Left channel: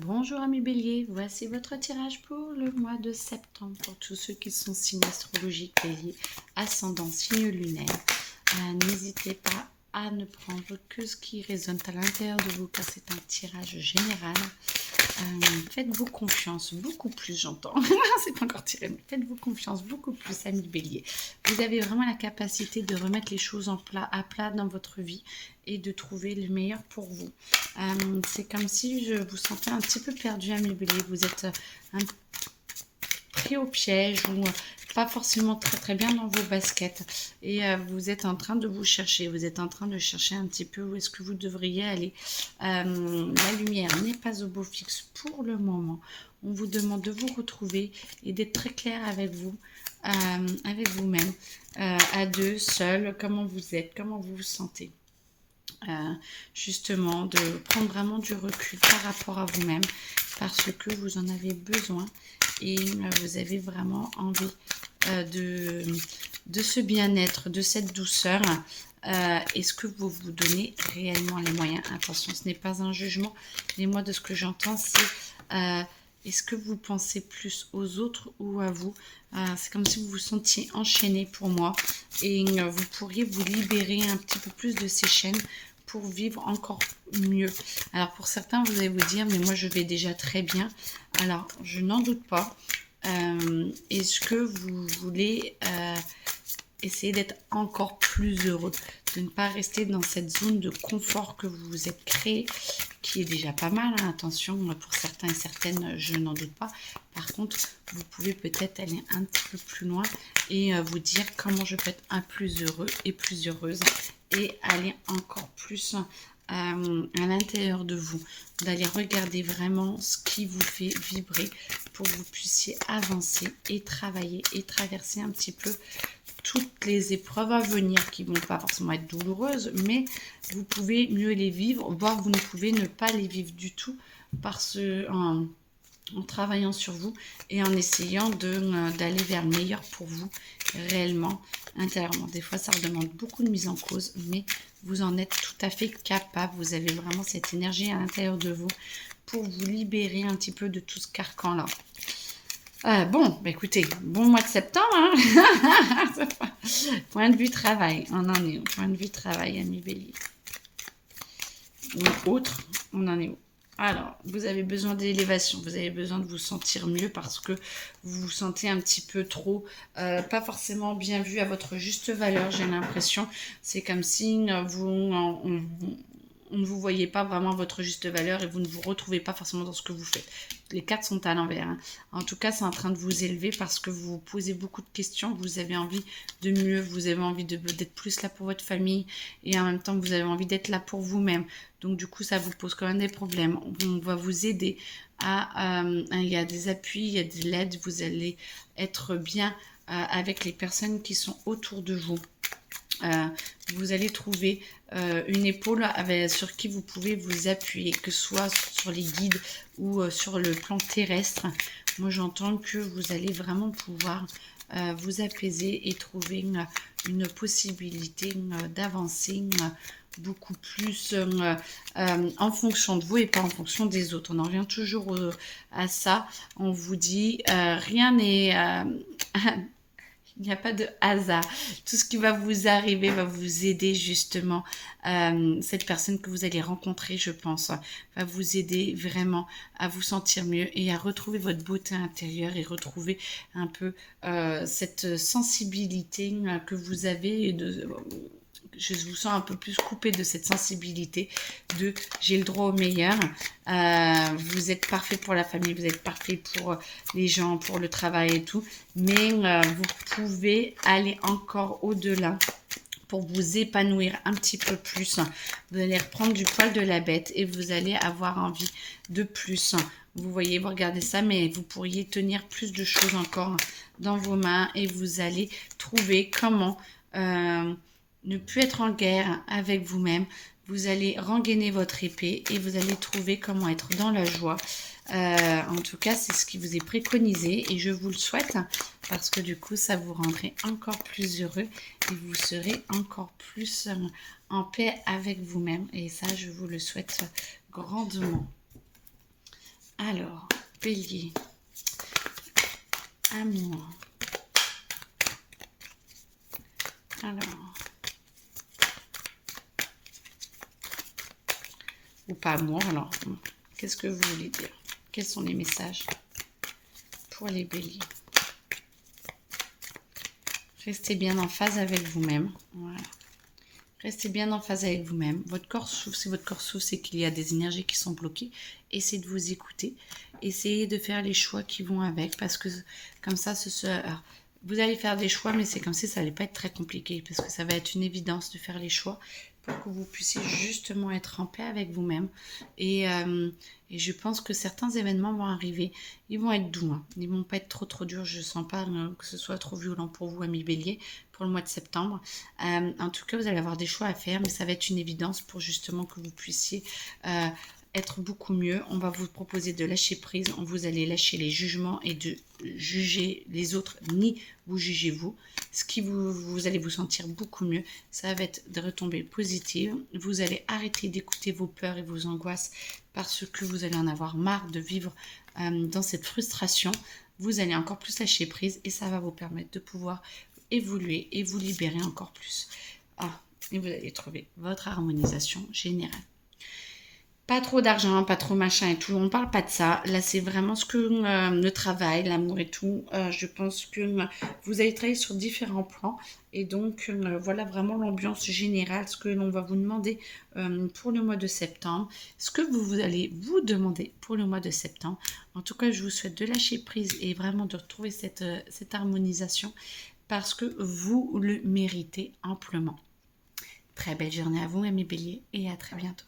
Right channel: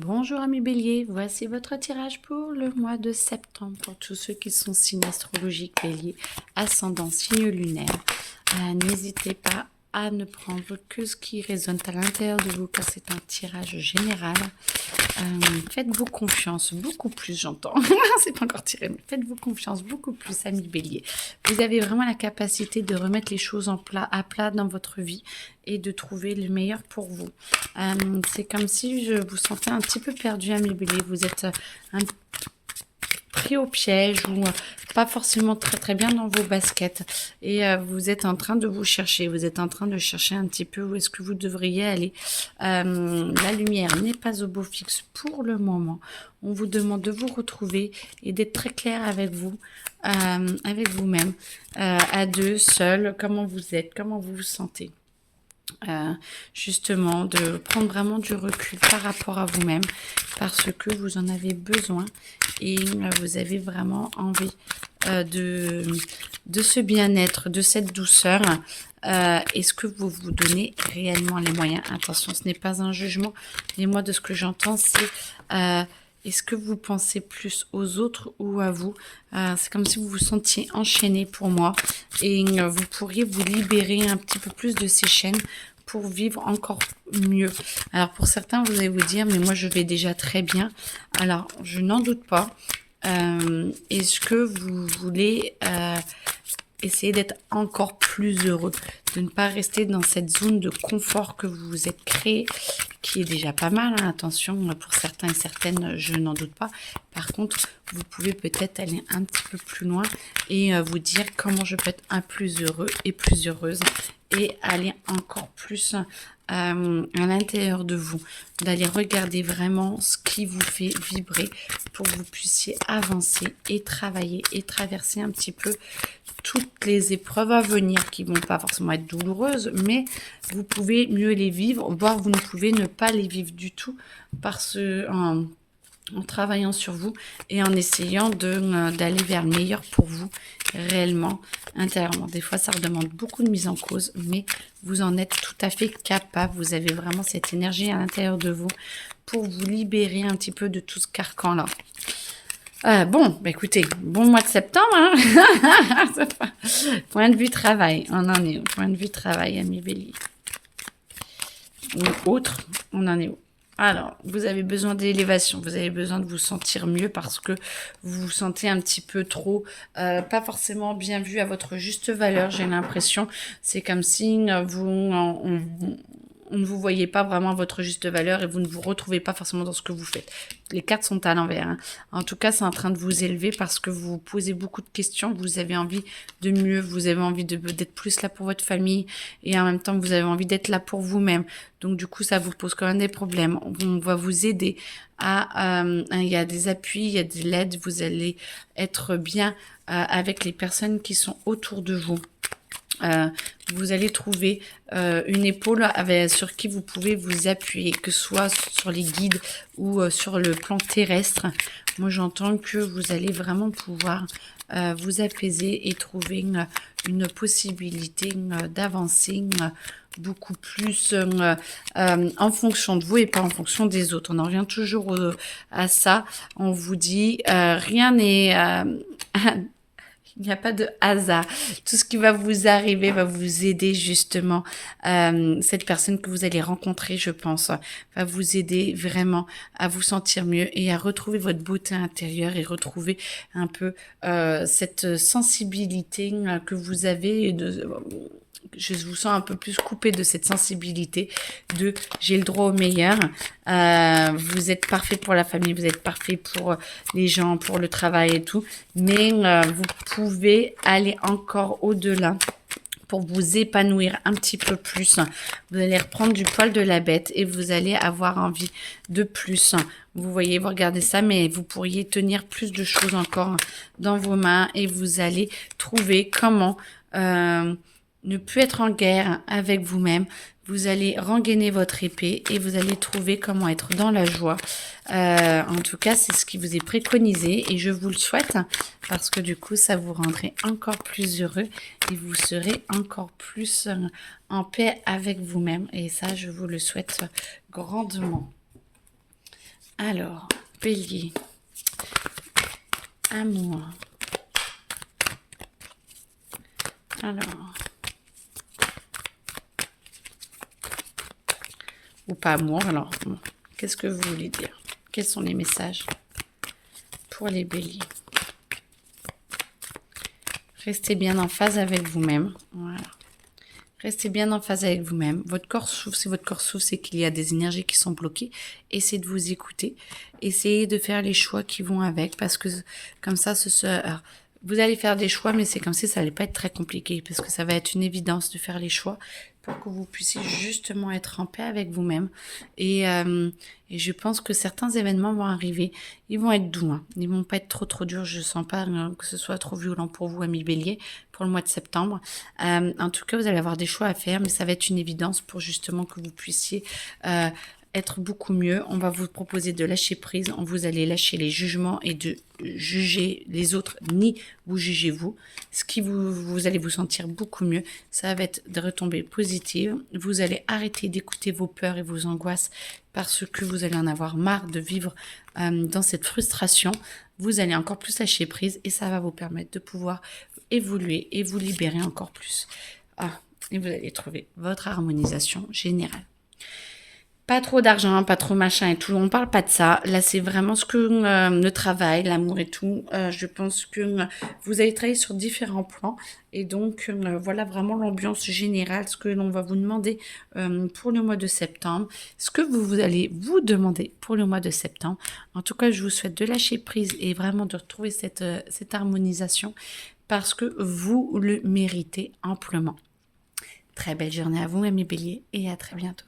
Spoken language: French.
Bonjour amis bélier, voici votre tirage pour le mois de septembre pour tous ceux qui sont signes astrologiques bélier, ascendant, signe lunaire. N'hésitez pas à ne prendre que ce qui résonne à l'intérieur de vous car c'est un tirage général. Faites-vous confiance, beaucoup plus j'entends, c'est pas encore tiré, mais faites-vous confiance beaucoup plus amis bélier. Vous avez vraiment la capacité de remettre les choses à plat dans votre vie et de trouver le meilleur pour vous. C'est comme si je vous sentais un petit peu perdu amis bélier, vous êtes pris au piège ou pas forcément très bien dans vos baskets et vous êtes en train de vous chercher, vous êtes en train de chercher un petit peu où est-ce que vous devriez aller. La lumière n'est pas au beau fixe pour le moment. On vous demande de vous retrouver et d'être très clair avec vous, avec vous-même, à deux, seul, comment vous êtes, comment vous vous sentez. Justement de prendre vraiment du recul par rapport à vous-même parce que vous en avez besoin et vous avez vraiment envie de ce bien-être, de cette douceur. Est-ce que vous vous donnez réellement les moyens? Attention, ce n'est pas un jugement, mais moi de ce que j'entends c'est est-ce que vous pensez plus aux autres ou à vous? C'est comme si vous vous sentiez enchaîné pour moi et vous pourriez vous libérer un petit peu plus de ces chaînes pour vivre encore mieux. Alors pour certains, vous allez vous dire, mais moi je vais déjà très bien. Alors je n'en doute pas. Est-ce que vous voulez essayer d'être encore plus heureux, de ne pas rester dans cette zone de confort que vous vous êtes créé, qui est déjà pas mal, hein. Attention, pour certains et certaines, je n'en doute pas. Par contre, vous pouvez peut-être aller un petit peu plus loin et vous dire comment je peux être un plus heureux et plus heureuse et aller encore plus à l'intérieur de vous, d'aller regarder vraiment ce qui vous fait vibrer pour que vous puissiez avancer et travailler et traverser un petit peu toutes les épreuves à venir qui vont pas forcément être douloureuses, mais vous pouvez mieux les vivre, voire vous ne pouvez ne pas les vivre du tout en travaillant sur vous et en essayant d'aller vers le meilleur pour vous réellement, intérieurement. Des fois, ça demande beaucoup de mise en cause, mais vous en êtes tout à fait capable. Vous avez vraiment cette énergie à l'intérieur de vous pour vous libérer un petit peu de tout ce carcan-là. Bon, bah écoutez, bon mois de septembre, hein. Point de vue travail, on en est où? Point de vue travail, ami bélier. Ou autre, on en est où? Alors, vous avez besoin d'élévation, vous avez besoin de vous sentir mieux parce que vous vous sentez un petit peu trop, pas forcément bien vu à votre juste valeur, j'ai l'impression. C'est comme si on ne vous voyez pas vraiment à votre juste valeur et vous ne vous retrouvez pas forcément dans ce que vous faites. Les cartes sont à l'envers, hein. En tout cas, c'est en train de vous élever parce que vous vous posez beaucoup de questions, vous avez envie de mieux, vous avez envie d'être plus là pour votre famille et en même temps, vous avez envie d'être là pour vous-même. Donc, du coup, ça vous pose quand même des problèmes. On va vous aider il y a des appuis, il y a de l'aide, vous allez être bien avec les personnes qui sont autour de vous. Vous allez trouver une épaule sur qui vous pouvez vous appuyer, que ce soit sur les guides ou sur le plan terrestre. Moi, j'entends que vous allez vraiment pouvoir vous apaiser et trouver une possibilité d'avancer beaucoup plus en fonction de vous et pas en fonction des autres. On en revient toujours à ça. On vous dit rien n'est... il n'y a pas de hasard. Tout ce qui va vous arriver va vous aider justement. Cette personne que vous allez rencontrer, je pense, va vous aider vraiment à vous sentir mieux et à retrouver votre beauté intérieure et retrouver un peu cette sensibilité que vous avez je vous sens un peu plus coupé de cette sensibilité de j'ai le droit au meilleur. Vous êtes parfait pour la famille, vous êtes parfait pour les gens, pour le travail et tout, mais vous pouvez aller encore au-delà pour vous épanouir un petit peu plus. Vous allez reprendre du poil de la bête et vous allez avoir envie de plus. Vous voyez, vous regardez ça, mais vous pourriez tenir plus de choses encore dans vos mains et vous allez trouver comment ne plus être en guerre avec vous-même. Vous allez rengainer votre épée et vous allez trouver comment être dans la joie. En tout cas, c'est ce qui vous est préconisé et je vous le souhaite parce que du coup, ça vous rendrait encore plus heureux et vous serez encore plus en paix avec vous-même. Et ça, je vous le souhaite grandement. Alors, Bélier, amour. Alors, ou pas amour, alors, qu'est-ce que vous voulez dire? Quels sont les messages pour les béliers? Restez bien en phase avec vous-même. Voilà. Restez bien en phase avec vous-même. Votre corps souffre. Si votre corps souffre, c'est qu'il y a des énergies qui sont bloquées. Essayez de vous écouter. Essayez de faire les choix qui vont avec. Parce que comme ça, alors, vous allez faire des choix, mais c'est comme si ça n'allait pas être très compliqué. Parce que ça va être une évidence de faire les choix pour que vous puissiez justement être en paix avec vous-même. Et je pense que certains événements vont arriver. Ils vont être doux. Hein. Ils ne vont pas être trop durs. Je ne sens pas que ce soit trop violent pour vous, amis bélier, pour le mois de septembre. En tout cas, vous allez avoir des choix à faire, mais ça va être une évidence pour justement que vous puissiez être beaucoup mieux. On va vous proposer de lâcher prise. Vous allez lâcher les jugements et de juger les autres, ni vous jugez vous. Ce qui vous allez vous sentir beaucoup mieux. Ça va être de retombées positives. Vous allez arrêter d'écouter vos peurs et vos angoisses parce que vous allez en avoir marre de vivre dans cette frustration. Vous allez encore plus lâcher prise et ça va vous permettre de pouvoir évoluer et vous libérer encore plus. Et vous allez trouver votre harmonisation générale. Pas trop d'argent, pas trop machin et tout. On parle pas de ça. Là, c'est vraiment ce que le travail, l'amour et tout. Je pense que vous allez travailler sur différents plans. Et donc, voilà vraiment l'ambiance générale, ce que l'on va vous demander pour le mois de septembre. Ce que vous allez vous demander pour le mois de septembre. En tout cas, je vous souhaite de lâcher prise et vraiment de retrouver cette harmonisation parce que vous le méritez amplement. Très belle journée à vous, amis béliers, et à très bientôt.